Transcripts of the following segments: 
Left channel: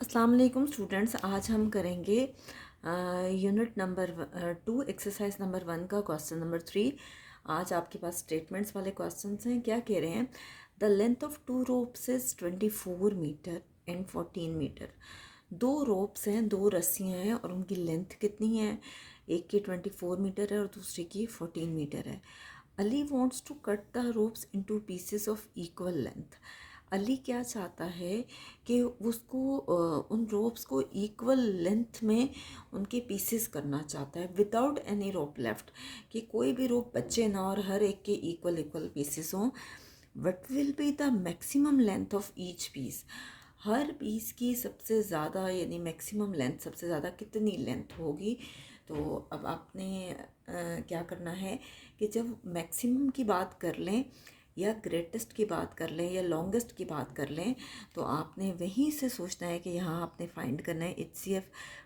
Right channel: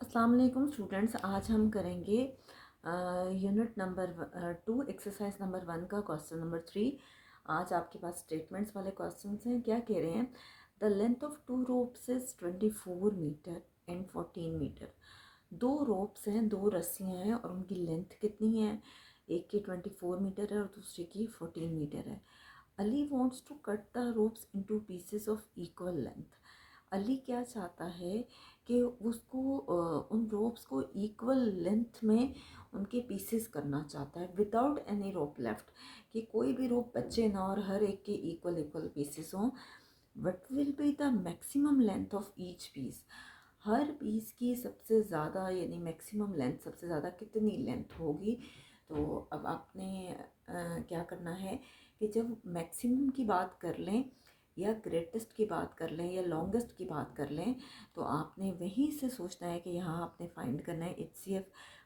अस्सलाम वालेकुम स्टूडेंट्स। आज हम करेंगे यूनिट नंबर 2 एक्सरसाइज नंबर 1 का क्वेश्चन नंबर 3। आज आपके पास स्टेटमेंट्स वाले क्वेश्चंस हैं। क्या कह रहे हैं? The length of 2 ropes is 24 metre and 14 metre. 2 ropes हैं, 2 रस्सियां हैं और उनकी लेंथ कितनी है? एक की 24 मीटर है और दूसरी की 14 मीटर है। Ali wants to cut the ropes into pieces of equal length. Ali क्या चाहता है कि उसको उन रोप्स को इक्वल लेंथ में उनके पीसेस करना चाहता है विदाउट एनी रोप लेफ्ट, कि कोई भी रोप बचे ना और हर एक के इक्वल इक्वल पीसेस हों। What will be the maximum length of each piece? हर पीस की सबसे ज़्यादा यानी मैक्सिमम लेंथ, सबसे ज़्यादा कितनी लेंथ होगी? तो अब आपने क्या करना है कि जब मैक्सिमम की बात कर लें या ग्रेटेस्ट की बात कर लें या लॉन्गेस्ट की बात कर लें, तो आपने वहीं से सोचना है कि यहाँ आपने फाइंड करना है HCF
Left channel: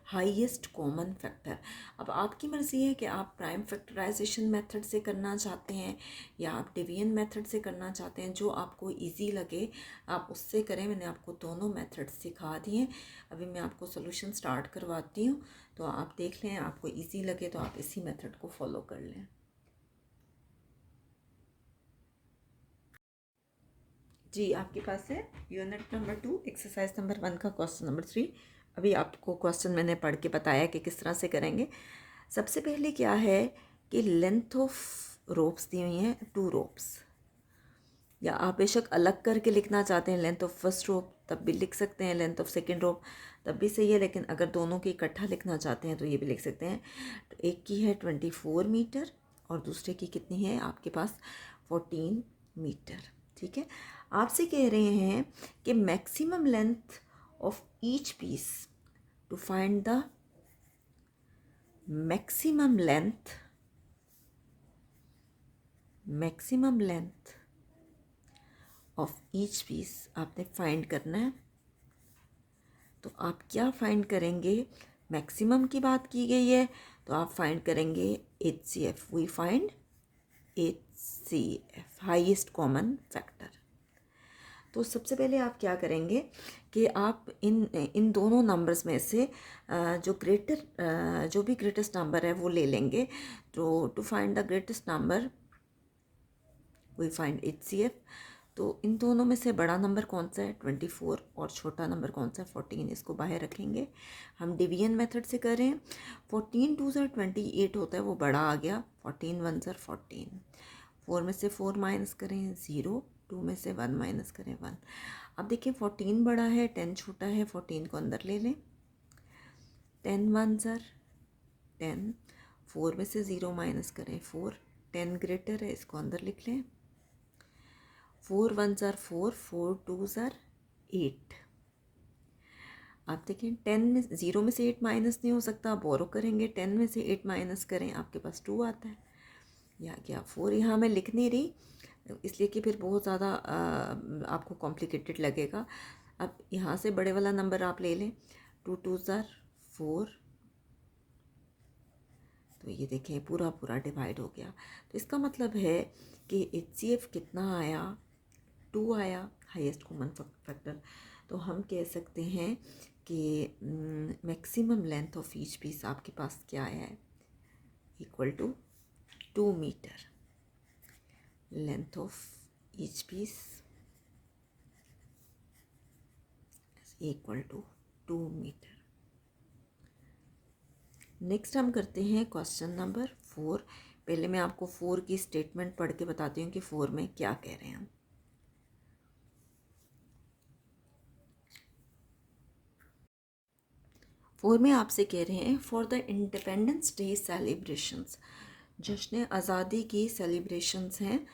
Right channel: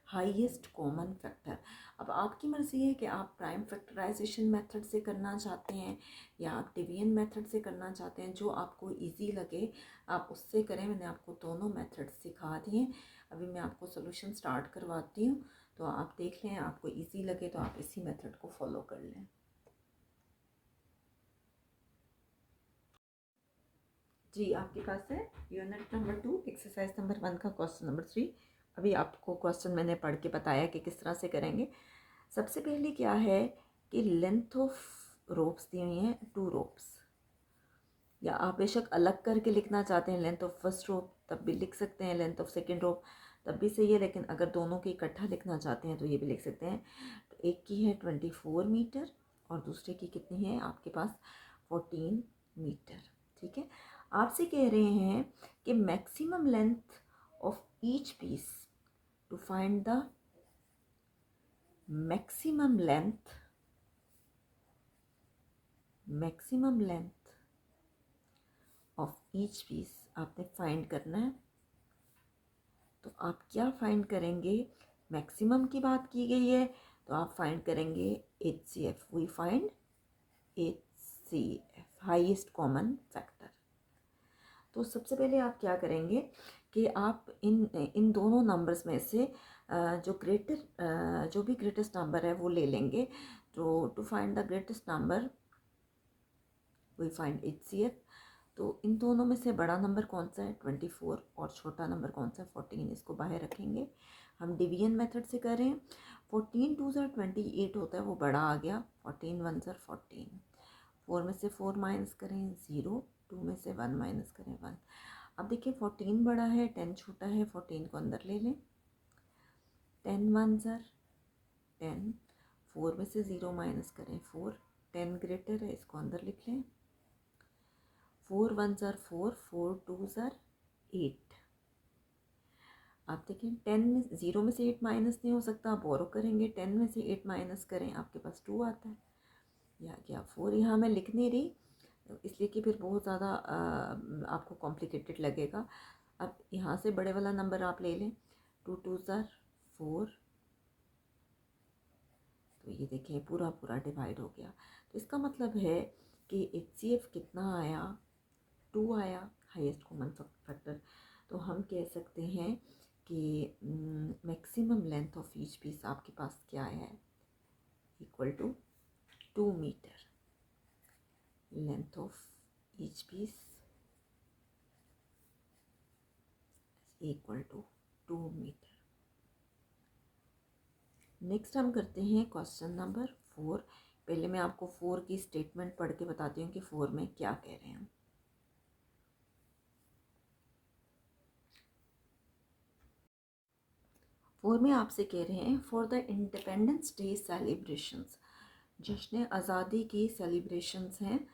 हाईएस्ट कॉमन फैक्टर। अब आपकी मर्ज़ी है कि आप प्राइम फैक्टराइजेशन मेथड से करना चाहते हैं या आप डिवीजन मेथड से करना चाहते हैं। जो आपको इजी लगे आप उससे करें। मैंने आपको दोनों मेथड सिखा दिए। अभी मैं आपको सोल्यूशन स्टार्ट करवाती हूँ, तो आप देख लें, आपको इजी लगे तो आप इसी मेथड को फॉलो कर लें। जी, आपके पास है यूनिट नंबर 2 एक्सरसाइज नंबर 1 का क्वेश्चन नंबर 3। अभी आपको क्वेश्चन मैंने पढ़ के बताया कि किस तरह से करेंगे। सबसे पहले क्या है कि लेंथ ऑफ रोप्स दी हुई हैं 2 रोप्स, या आप बेशक अलग करके लिखना चाहते हैं लेंथ ऑफ फर्स्ट रोप तब भी लिख सकते हैं, लेंथ ऑफ सेकेंड रोप तब भी सही है, लेकिन अगर दोनों की इकट्ठा लिखना चाहते हैं तो ये भी लिख सकते हैं। तो एक की है 24 मीटर और दूसरे की कितनी है आपके पास? 14 मीटर। ठीक है। आपसे कह रहे हैं कि maximum length of each piece, to find the maximum length of each piece आपने फाइंड करना है। तो आप क्या फाइंड करेंगे? मैक्सिमम की बात की गई है तो आप फाइंड करेंगे HCF। We find HCF highest common factor. तो सबसे पहले आप क्या करेंगे कि आप इन इन दोनों नंबर्स में से जो भी ग्रेटेस्ट नंबर है वो ले लेंगे। तो to find the greatest number we find HCF। तो इन दोनों में से बड़ा नंबर कौन सा है? 24। और छोटा नंबर कौन सा है? 14। इसको बाहर रखेंगे। हम डिवीजन मेथड से करें। 14 2 ज़र 28 होता है, वो बड़ा आ गया। 14 1 ज़र 14। 4 में से 4 माइनस करें 0, 2 में से 1 माइनस करें 1। अब देखिए 14 बड़ा है, 10 छोटा है। 14 को अंदर ले लें। 10 1 ज़र 10, 4 में से 0 माइनस करें 4। 10 ग्रेटर है, इसको अंदर लिख लें। 4 1 ज़र 4, 4 2 ज़र 8। आप देखें 10 में 0 में से 8 माइनस नहीं हो सकता, बोरो करेंगे। 10 में से 8 माइनस करें, आपके पास 2 आता है। या क्या 4 यहाँ मैं लिख नहीं रही इसलिए कि फिर बहुत ज़्यादा आपको कॉम्प्लिकेटेड लगेगा। अब यहाँ से बड़े वाला नंबर आप ले लें। 2 2 ज़र 4। तो ये देखिए पूरा पूरा डिवाइड हो गया। तो इसका मतलब है कि HCF कितना आया? 2 आया, हाईएस्ट कॉमन फैक्टर। तो हम कह सकते हैं कि maximum length of each piece आपके पास क्या है? Equal to 2 metre. Length of each piece equal to 2 metre. Next हम करते हैं क्वेश्चन नंबर 4। पहले मैं आपको 4 की स्टेटमेंट पढ़ के बताती हूँ कि 4 में क्या कह रहे हैं हम। 4 में आपसे कह रहे हैं for the independence day celebrations, जश्न आज़ादी की सेलिब्रेशंस हैं।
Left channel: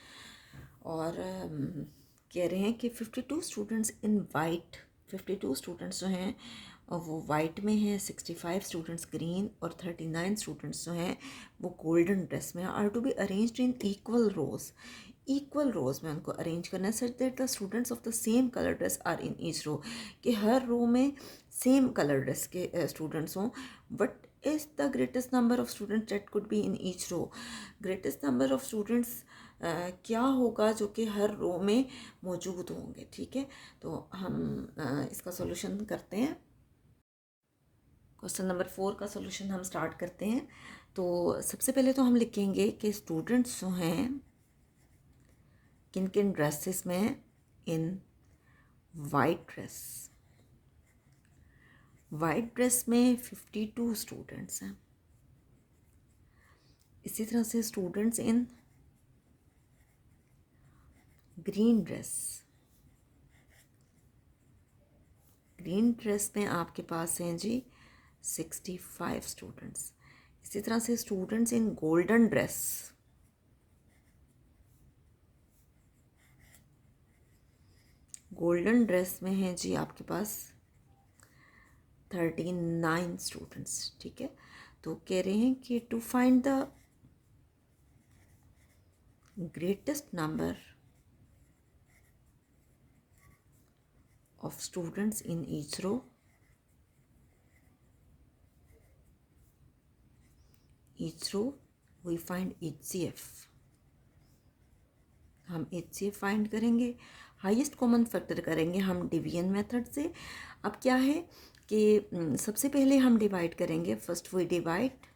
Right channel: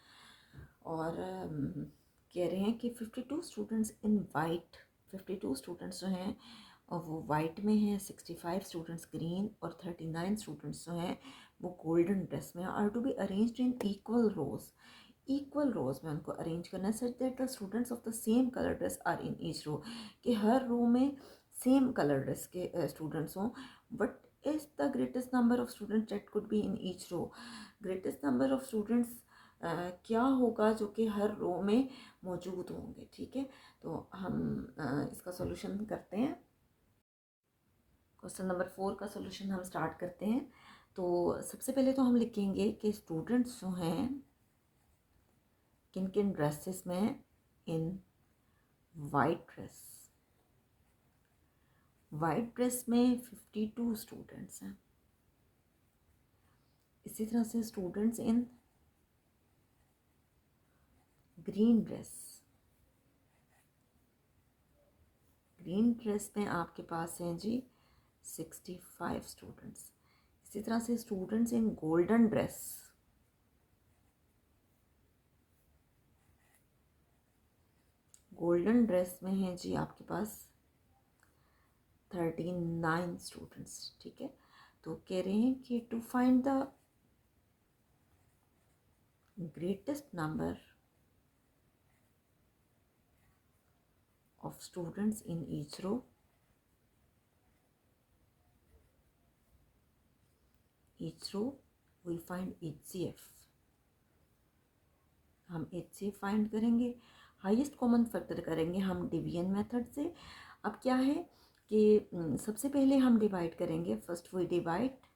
और कह रहे हैं कि 52 स्टूडेंट्स इन वाइट, 52 स्टूडेंट्स जो हैं और वो वाइट में हैं, 65 स्टूडेंट्स ग्रीन और 39 स्टूडेंट्स जो हैं वो गोल्डन ड्रेस में are to be arranged in equal rows. Equal rows में उनको अरेंज करना है such that the students of the same colour dress are in each row, कि हर रो में सेम कलर ड्रेस के स्टूडेंट्स हों। But is the greatest number of students that could be in each row. Greatest number of students क्या होगा जो कि हर रो में मौजूद होंगे। ठीक है, तो हम इसका सॉल्यूशन करते हैं। क्वेश्चन नंबर 4 का सॉल्यूशन हम स्टार्ट करते हैं। तो सबसे पहले तो हम लिखेंगे कि स्टूडेंट्स जो हैं किन किन ड्रेसेस में, इन वाइट ड्रेस में 52 स्टूडेंट्स हैं। इसी तरह से स्टूडेंट्स इन ग्रीन ड्रेस में आपके पास हैं जी 65 स्टूडेंट्स। इसी तरह से स्टूडेंट्स इन गोल्डन ड्रेस में हैं जी आपके पास 39 स्टूडेंट्स। ठीक है, तो कह रहे हैं कि to find the greatest number of students in each row we find HCF। हम HCF फाइंड करेंगे, हाईएस्ट कॉमन फैक्टर करेंगे हम डिवीजन मेथड से। अब क्या है कि सबसे पहले हम डिवाइड करेंगे, फर्स्ट वी डिवाइड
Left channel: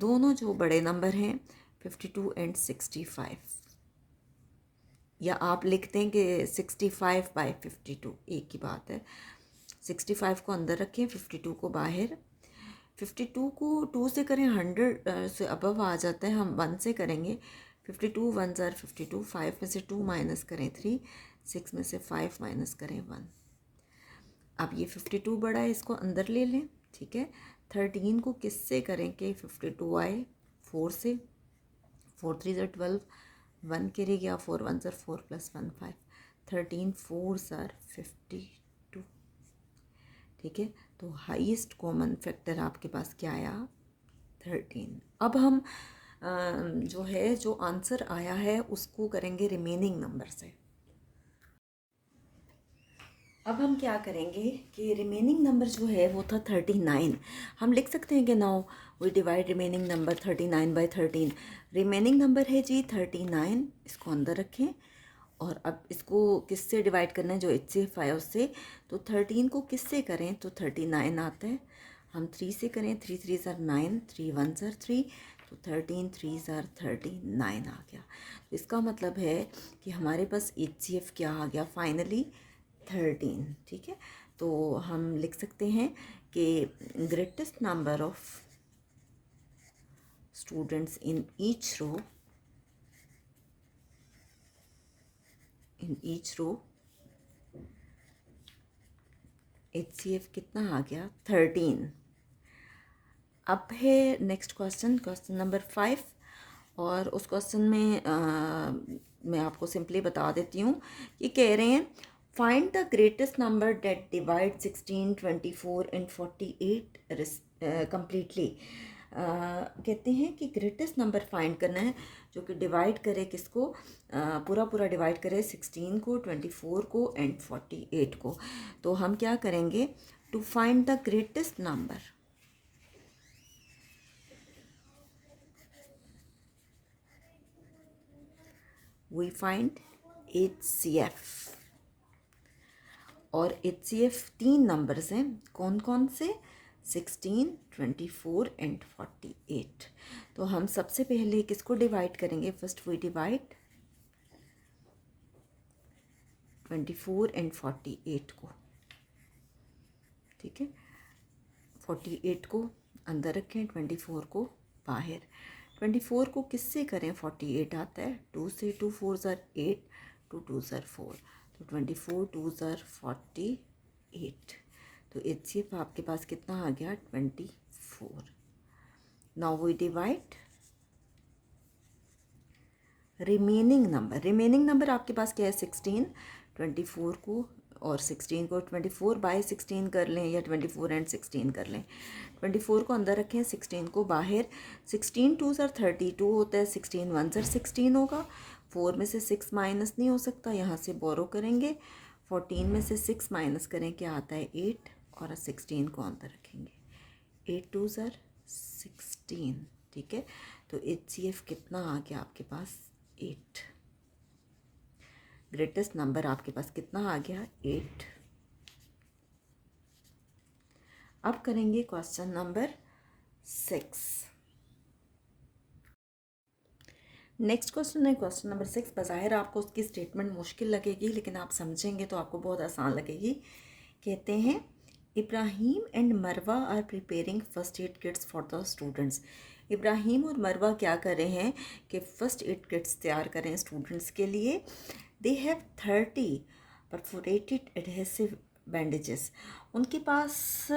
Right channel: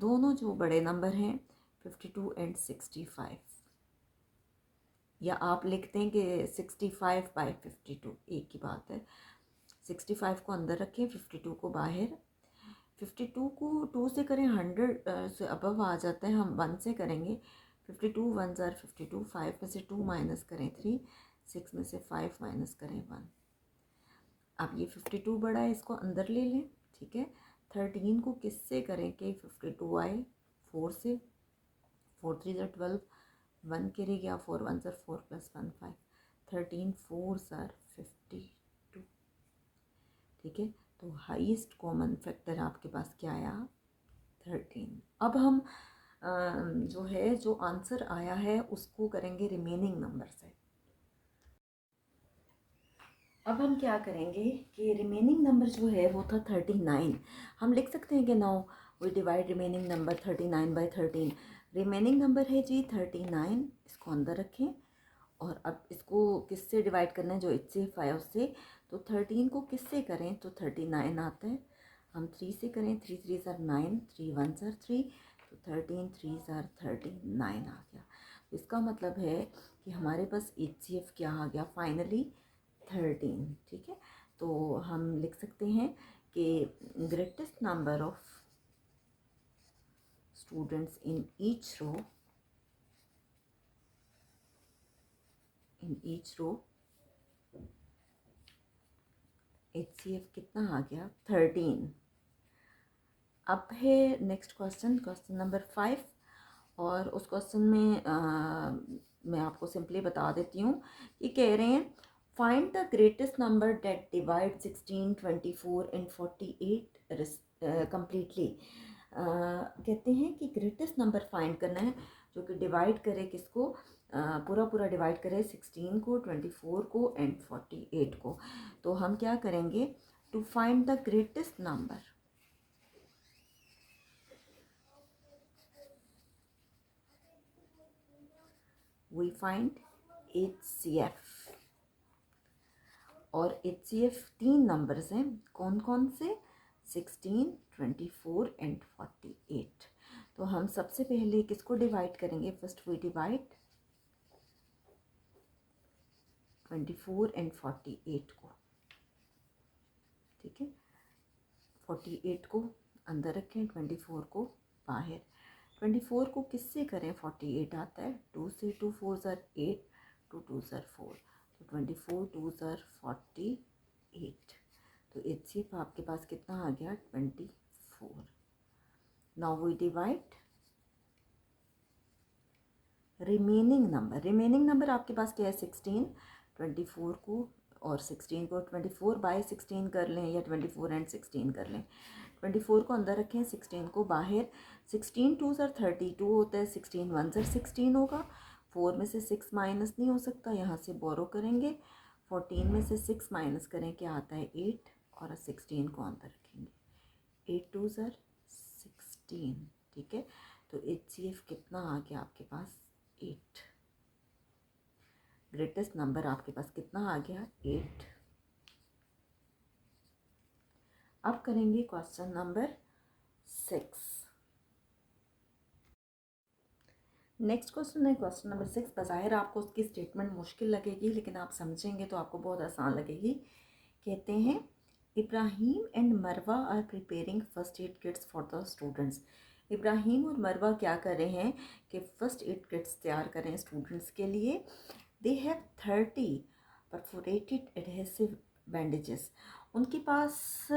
दोनों जो बड़े नंबर हैं 52 एंड 65, या आप लिखते हैं कि 65/52, एक ही बात है। 65 को अंदर रखें, 52 को बाहर। 52 को 2 से करें 100 से अबव आ जाता है, हम 1 से करेंगे। 52 1s are 52, 5 में से 2 माइनस करें 3, 6 में से 5 माइनस करें 1। अब ये 52 बड़ा है, इसको अंदर ले लें। ठीक है, 13 को किससे करें कि 52 आए, 4 से। 4 3 are 12, 1 कैरी गया, 4 1s are 4 + 1 5, 13 4s are 52। ठीक है, तो हाईएस्ट कॉमन फैक्टर आपके पास क्या आया, 13। अब हम जो है जो आंसर आया है उसको करेंगे रिमेनिंग नंबर से। अब हम क्या करेंगे कि रिमेनिंग नंबर जो है वो था 39। हम लिख सकते हैं कि now we divide remaining number 39/13। Remaining number है जी 39, इसको अंदर रखें। और अब इसको किससे डिवाइड करना है, जो HCF आया उससे। तो 13 को किससे करें तो 39 आता है। हम 3 से करें, 3 3s are 9, 3 1s are 3, तो 13 3s are 39 आ गया। तो इसका मतलब है कि हमारे पास HCF क्या आ गया, फाइनली 13। ठीक है, तो हम लिख सकते हैं कि greatest number of students in each row HCF कितना आ गया, 13। अब है नेक्स्ट क्वेश्चन नंबर 5। और उस क्वेश्चन में मैं आपको सिंपली बता देती हूँ कि कह रहे हैं find the greatest number that divide 16 24 and 48 completely. कहते हैं कि ग्रेटेस्ट नंबर फाइंड करना है जो कि डिवाइड करे किसको, पूरा डिवाइड करे 16 को, 24 को एंड 48 को। तो हम क्या करेंगे, to find the greatest number we find HCF। और HCF 3 नंबर्स हैं, कौन कौन से, 16 24 एंड 48। तो हम सबसे पहले किसको डिवाइड करेंगे, फर्स्ट वी डिवाइड 24 एंड 48 को। ठीक है, 48 को अंदर रखें, 24 को बाहर। 24 को किससे करें, 48 आता है, 2 से, 2 4s are 8, 2 2s are 4, तो 24 2s are 48। तो HCF आपके पास कितना आ गया, 24। Now we divide remaining number आपके पास क्या है, 16। 24 को और 16 को 24/16 कर लें, या 24 एंड 16 कर लें। 24 को अंदर रखें, 16 को बाहर। 16 2s are 32 होता है, 16 1s are 16 होगा। 4 में से 6 माइनस नहीं हो सकता, यहाँ से बोरो करेंगे। 14 में से 6 माइनस करें, क्या आता है, 8, और 16 को अंदर रखेंगे। 8 2s are 16। ठीक है, तो HCF कितना आ गया आपके पास, 8। ग्रेटेस्ट नंबर आपके पास कितना आ गया, 8। अब करेंगे क्वेश्चन नंबर 6। नेक्स्ट क्वेश्चन है क्वेश्चन नंबर 6। बज़ाहिर आपको उसकी स्टेटमेंट मुश्किल लगेगी, लेकिन आप समझेंगे तो आपको बहुत आसान लगेगी। कहते हैं Ibrahim and Marwa are preparing first aid kits for the students. Ibrahim और मरवा क्या कर रहे हैं कि फ़र्स्ट एड किट्स तैयार करें स्टूडेंट्स के लिए। They have 30 perforated adhesive bandages. उनके पास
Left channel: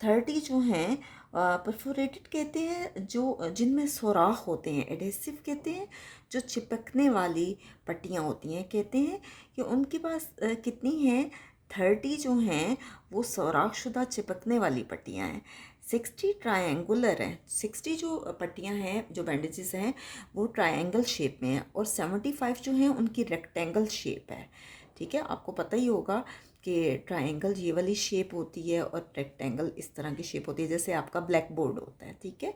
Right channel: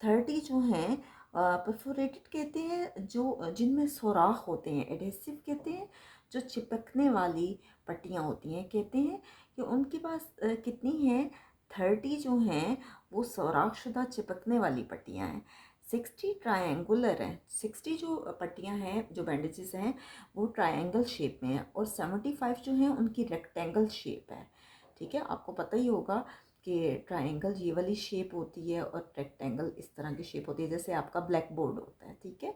30 जो हैं परफोरेटेड कहते हैं जो जिनमें सुराख होते हैं, एडहेसिव कहते हैं जो चिपकने वाली पट्टियाँ होती हैं। कहते हैं कि उनके पास कितनी हैं, 30 जो हैं वो सुराख शुदा चिपकने वाली पट्टियाँ हैं। 60 ट्रायंगुलर हैं, 60 जो पट्टियाँ हैं जो बैंडेजेस हैं वो ट्रायंगल शेप में है, और 75 जो हैं उनकी रेक्टेंगल शेप है। ठीक है, आपको पता ही होगा कि ट्रायंगल ये वाली शेप होती है और रेक्टेंगल इस तरह की शेप होती है, जैसे आपका ब्लैक बोर्ड होता है। ठीक है,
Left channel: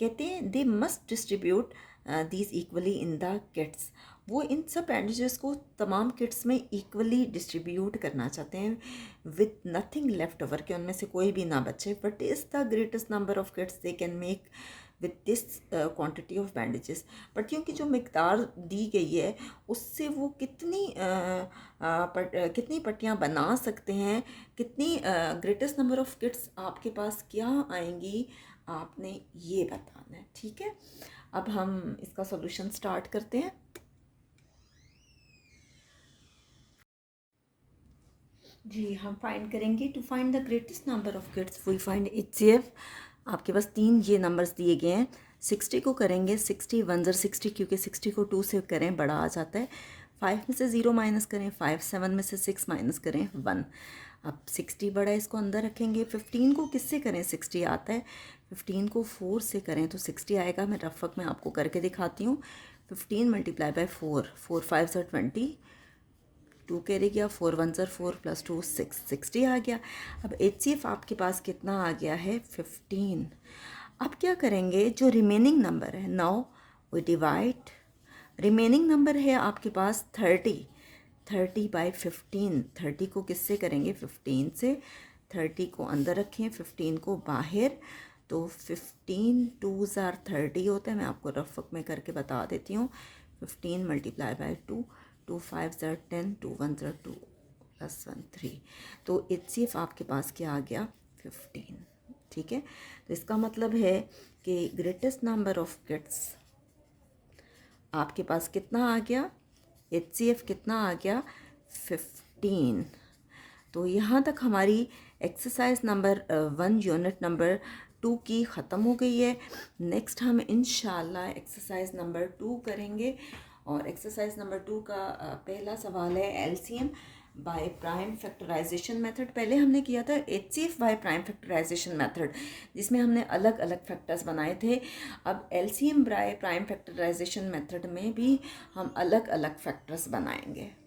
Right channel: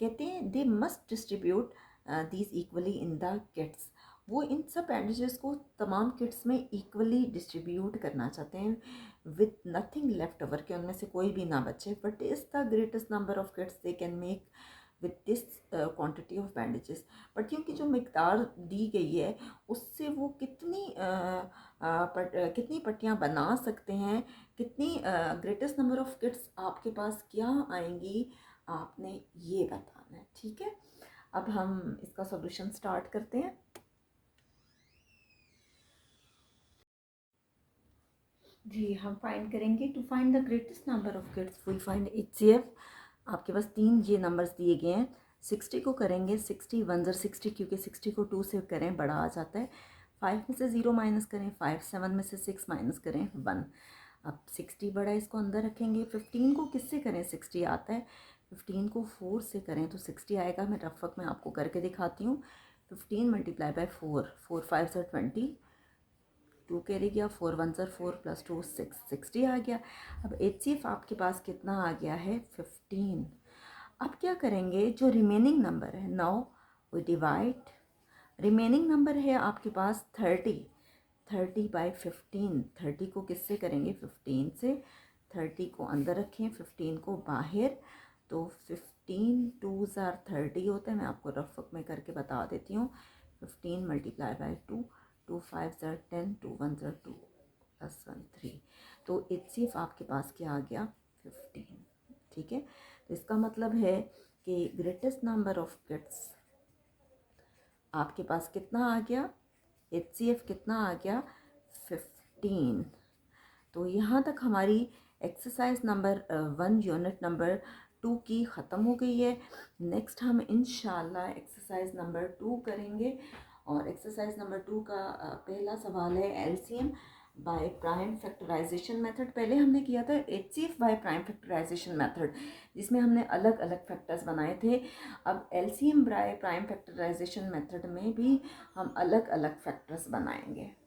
कहते हैं they must distribute these equally in the kits. वो इन सब बैंडेजेस को तमाम किट्स में इक्वली डिस्ट्रीब्यूट करना चाहते हैं विद नथिंग लेफ्ट ओवर, कि उनमें से कोई भी ना बचे। But is the greatest number of kits they can make with this quantity of bandages. But क्योंकि जो मिकदार दी गई है उससे वो कितनी पट्टियाँ बना सकते हैं, कितनी ग्रेटेस्ट नंबर ऑफ किट्स आपके पास क्या आएंगी, आपने ये बताना है। ठीक है, अब हम इसका सॉल्यूशन स्टार्ट करते हैं। जी, हम फाइंड करेंगे to find the greatest number of kits we find HCF। आपके पास 3 ये नंबर्स दिए गए हैं। 60 को करेंगे 60 1 ज़र 60, क्योंकि 60 को 2 से करें बड़ा आ जाता है। 5 में से 0 माइनस करें 5, 7 में से 6 माइनस करें 1। अब 60 बड़ा है, इसको अंदर रखेंगे। 15 को किससे करें 60 आता है, 15 को 4 से करें तो 60 आएगा। मैं रफक में आपको करके दिखाती हूँ। 15 मल्टीप्लाई बाय 4, 4 5 ज़र 20, 2 कैरी गया, 4 1 ज़र 4 + 2 6, 60 आ गया। अब HCF आपके पास कितना आ गया है 15। अब क्या करेंगे, जो रिमेनिंग नंबर है now we divide. Remaining number है आपके पास 30 बाय 15। 30 को किससे करेंगे 15 से। 30 को अंदर रखें, 15 को बाहर, तो 15 2 ज़ार 30 होता है। मैं आपको रफक में करके बता देती हूँ। 15 मल्टीप्लाई बाय 2, 2 5 ज़ार 10, 2 1 ज़ार 2 + 1 3। तो HCF आपके पास क्या आ गया 15। ठीक है, तो इसका मतलब है कि ग्रेटेस्ट नंबर ऑफ किट्स आपके पास कितना आ गया, HCF कितना आ गया 15। तो यहाँ तक हमारी एक्सरसाइज नंबर 1 यूनिट नंबर 2 की ख़त्म हो गई है। नेक्स्ट हम इंशाल्लाह एक्सरसाइज नंबर 2 करेंगे, और एक्सरसाइज नंबर 2 का पहला सवाल है LCM by prime factorization method. पहले हमने किया था HCF by prime factorization method, जिसमें हमने अलग अलग फैक्टर्स बनाए थे। अब LCM by prime factorization method में भी हम अलग अलग फैक्टर्स बनाएंगे।